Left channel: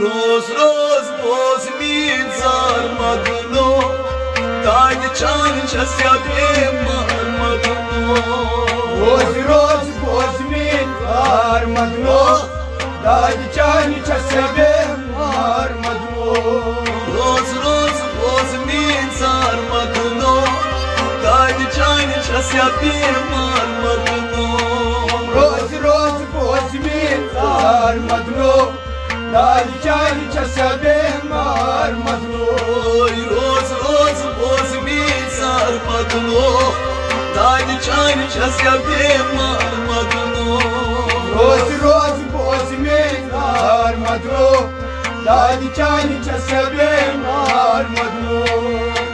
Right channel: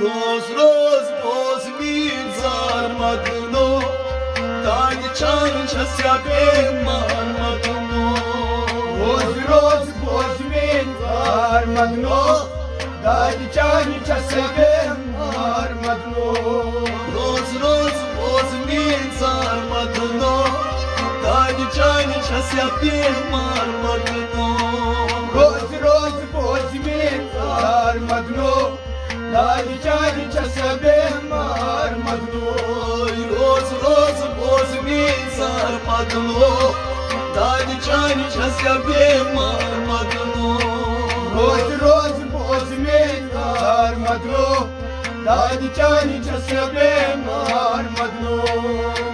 Roz roz bozmin zarmadno Dayı çanca syabim marmadno Roz roz bozmin zarmadno Dayı çanca syabim marmadno Roz roz bozmin zarmadno Dayı çanca syabim marmadno Roz roz bozmin zarmadno Dayı çanca syabim marmadno Roz roz bozmin zarmadno Dayı çanca syabim marmadno Roz roz bozmin zarmadno Dayı çanca syabim marmadno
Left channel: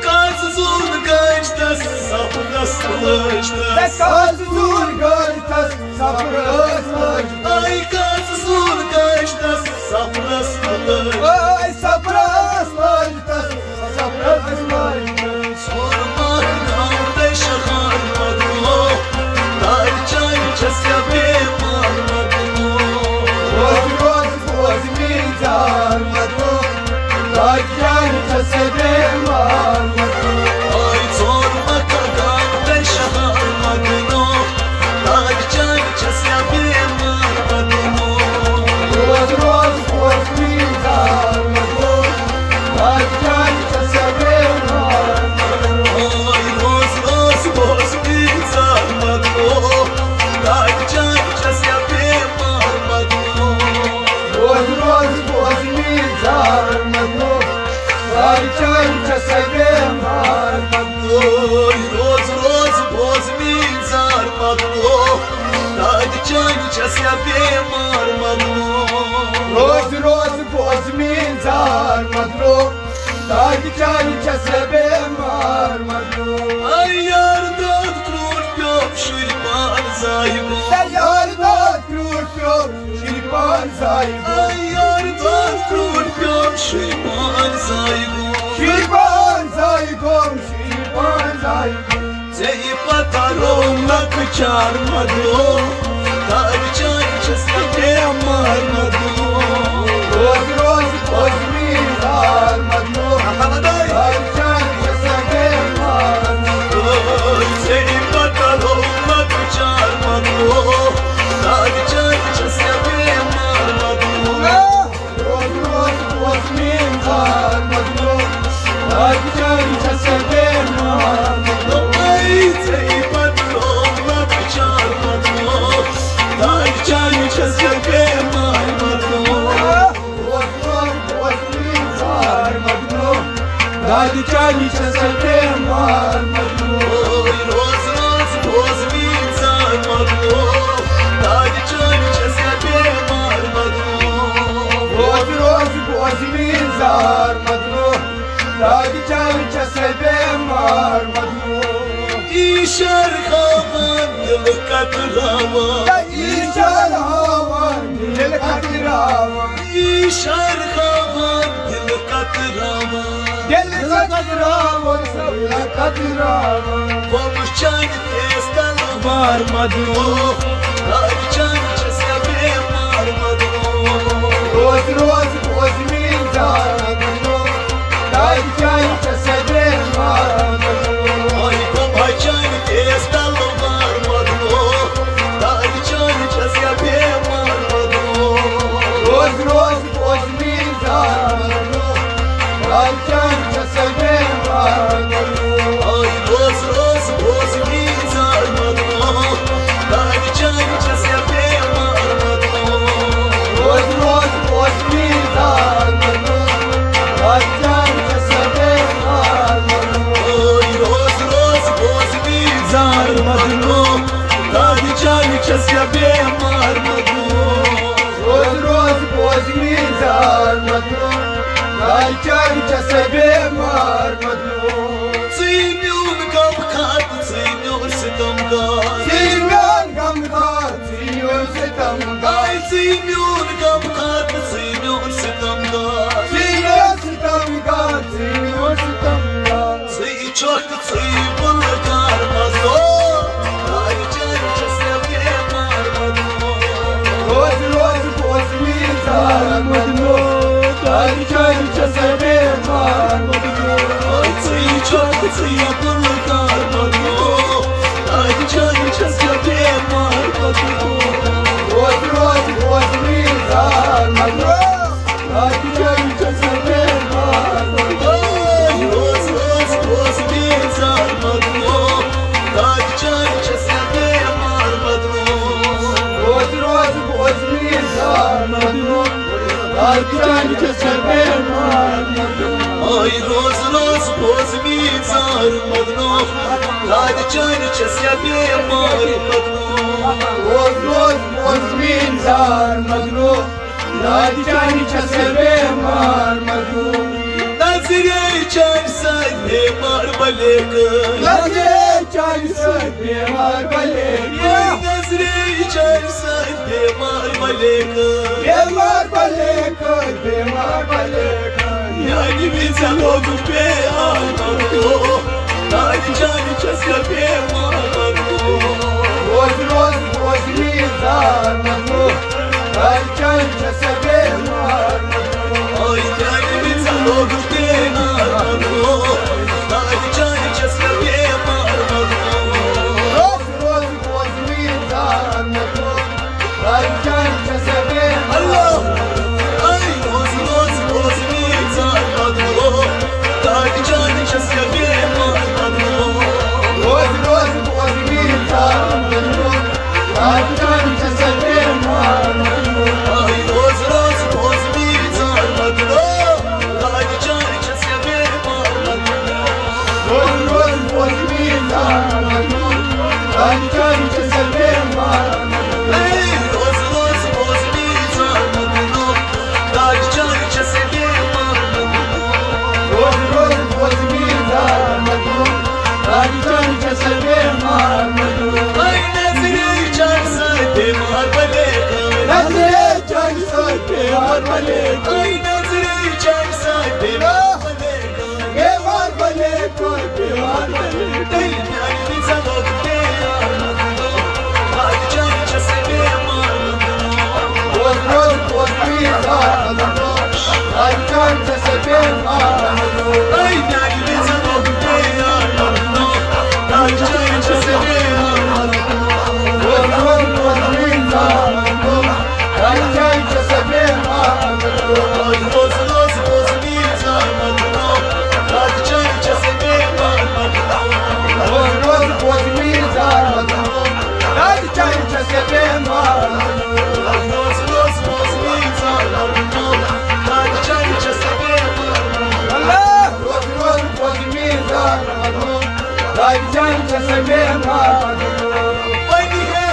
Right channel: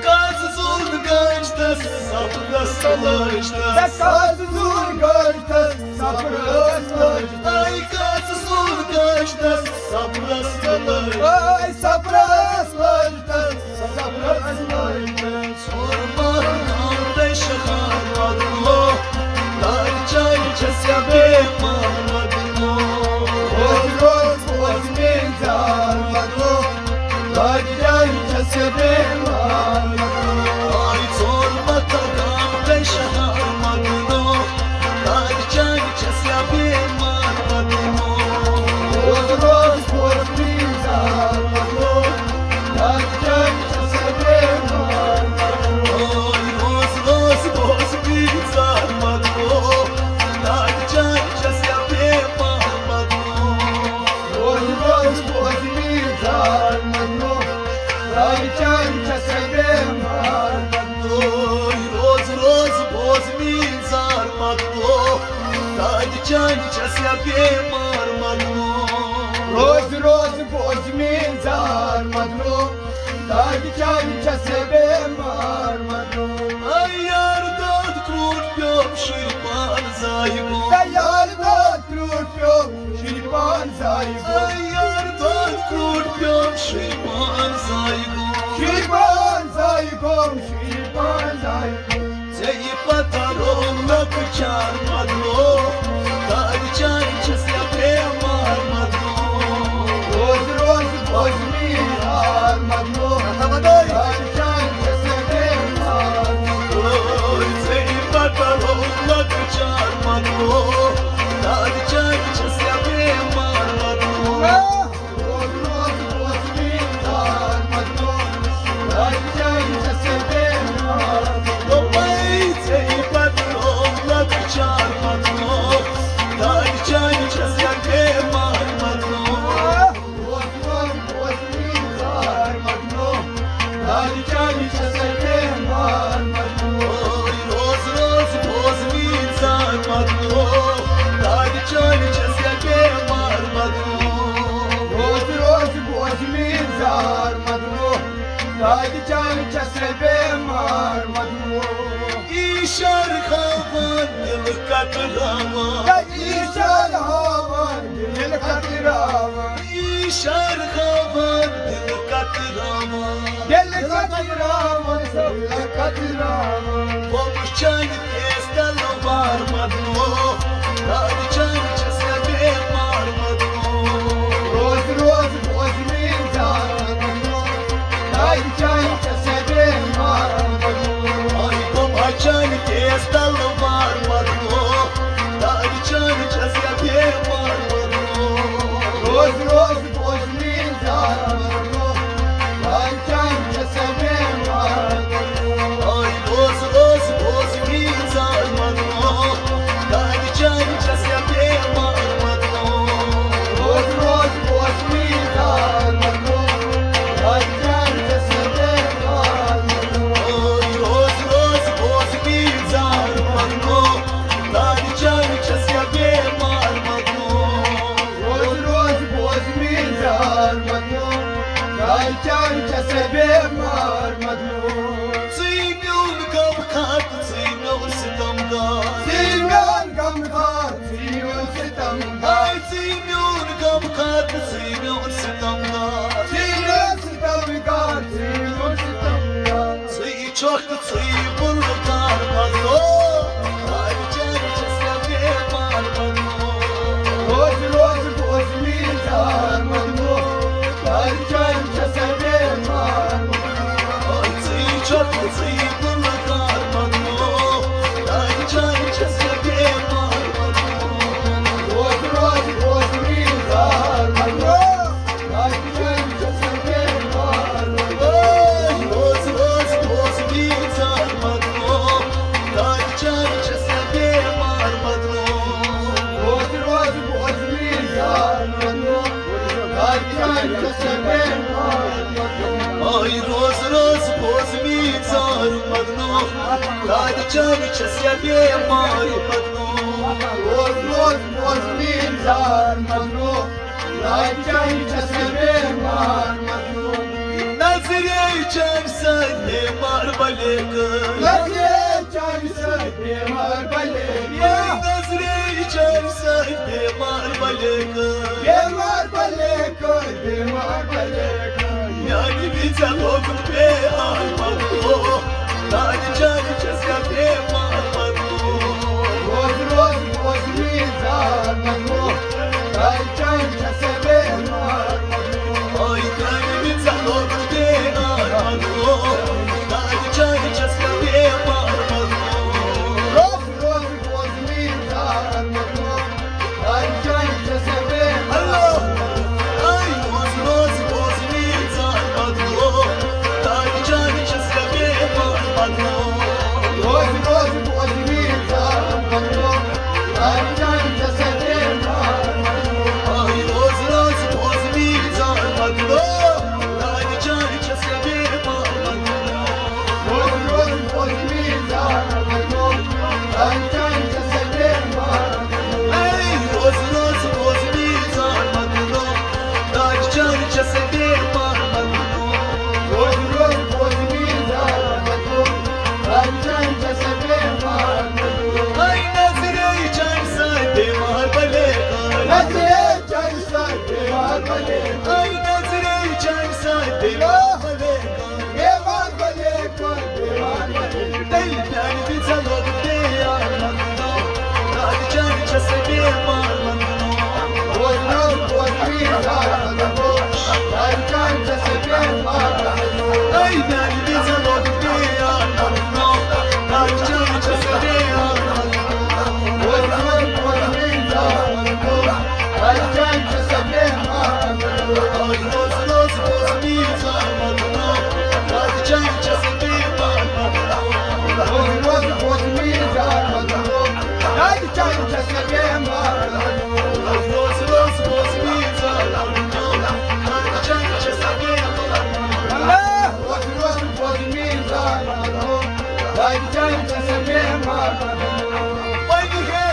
Karsızın kaçta sapla sılıçta Kaçtır göltes sabrısız Ay karsızın kaçta sapla sılıçta Ay sabrısız sabrısız Sorma kardeş harmadno Dayı çayca syabim marmadno Boz boz boz min zarmadı Daycan çesebim armadı Ay sorma kardeş harmadno Dayı çayca syabim marmadno Boz boz boz min zarmadı Daycan çesebim armadı Ay roz roz bozmin zarmadno Dayı çayca syabim marmadno Boz boz boz min zarmadı Daycan çesebim armadı Oy roz roz bozmin zarmadno Dayı çayca syabim marmadno Roz roz boz min zarmadı Daycan çesebim armadı Ay yardan kurpyom şirman zaygo Yardan kurtluyor şirpan sahibi Ay yardan kurpyom şirman zaygo Şirpan sahibi şirpan sahibi Zeyip ataromla kıçarmadno Dayı çayca syabim marmadno Roz roz boz min zarmadı Daycan çesebim armadı Oy zeyip ataromla kıçarmadno Dayı çayca syabim marmadno Roz roz boz min zarmadı Daycan çesebim armadı Ay zeyip ataromla kıçarmadno Dayı çayca syabim marmadno Roz roz boz min zarmadı Daycan çesebim armadı Oy roz roz bozmin zarmadno Dayı çayca syabim marmadno Roz roz boz min zarmadı Daycan çesebim armadı İşer havan dil katrava Ya işan havan dil katirava İşer havan dil katrava Dil katirava sabla katirava Olmuş çay testel varmadno Dayı çayca syabim marmadno Roz roz boz min zarmadı Daycan çesebim armadı Ay baba çay testel varmadno Dayı çayca syabim marmadno Roz roz boz min zarmadı Daycan çesebim armadı Ay roz roz bozmin zarmadno Dayı جان جسمه Ay roz roz boz mi zar madno Dad chan chasya be mar madno روز روز مزمین زار مگرو راجان چسبه مار مگرو Nazire chan say be mar balek نظر چای سبه مار بله Nazire chan say be mar balek بیمار بله کن بیمار بله کن Yani bize oğlum be al madno Dad chan chasya be mar madno روز روز مزمین زار مگرو راجان چسبه مار مگرو Ay yani bize oğlum be al madno Dad chan chasya be mar madno روز روز مزمین زار مگرو راجان چسبه Allah ay roz roz boz mi zar madno Dad chan chasya be mar madno روز روز مزمین زار مگرو راجان چسبه مار مگرو Ay roz roz boz mi zar madno Dad chan chasya be mar madno روز روز مزمین زار مگرو راجان چسبه مار مگرو Ey roz roz boz mi zar madno Dad chan chasya be mar madno روز روز مزمین زار مگرو راجان چسبه مار مگرو Ay nazire chan say be mar balek نظر چای سبه مار بله Ay nazire chan say be mar balek بیمار بله کن بیمار بله Ey yani bize oğlum be al madno Dad chan chasya be mar madno روز روز مزمین زار مگرو راجان چسبه مار مگرو Ay yani bize oğlum be al madno Dad chan chasya be mar madno روز روز مزمین زار مگرو راجان چسبه مار مگرو Ay roz roz boz mi zar madno Dad chan chasya be mar madno روز روز مزمین زار مگرو راجان چسبه مار مگرو Ay roz roz boz mi zar madno Dad chan chasya be mar madno روز روز مزمین زار مگرو راجان چسبه مار مگرو Vay niye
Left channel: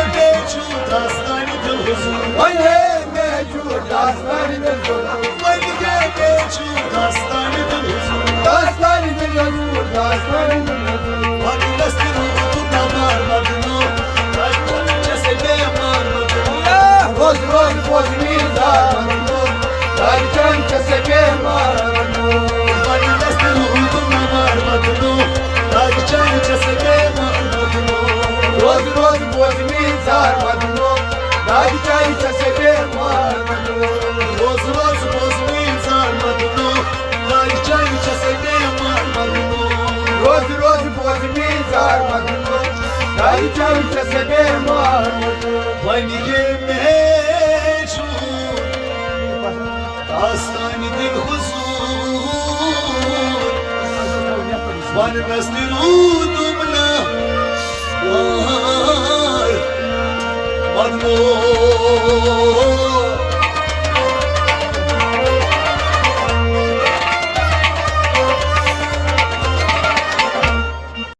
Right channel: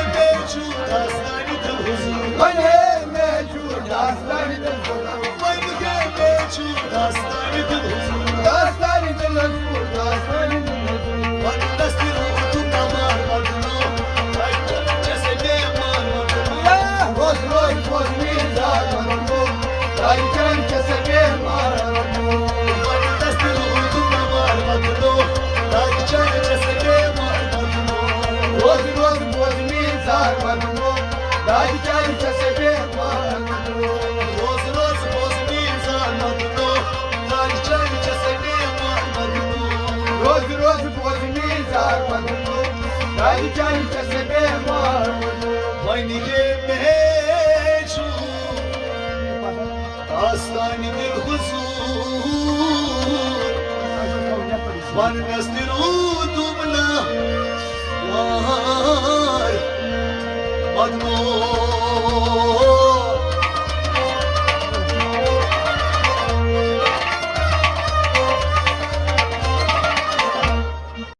şu dastani dil huzur من هی موجود داستانی دل زدم Vay niye şu dastani dil huzur داستانی دل زدم داستانی دل زدم Vay dasti ruhu tamar madno Dad chan chasya be mar madno روز روز مزمین زار مگرو راجان چسبه مار مگرو Vay dasti ruhu tamar madno Dad chan chasya be mar madno روز روز مزمین زار مگرو راجان چسبه مار مگرو Roz roz boz mi zar madno Dad chan chasya be mar madno روز روز مزمین زار مگرو راجان چسبه مار مگرو Vay niye şu dastani dil huzur Van nastirudum la Vay madno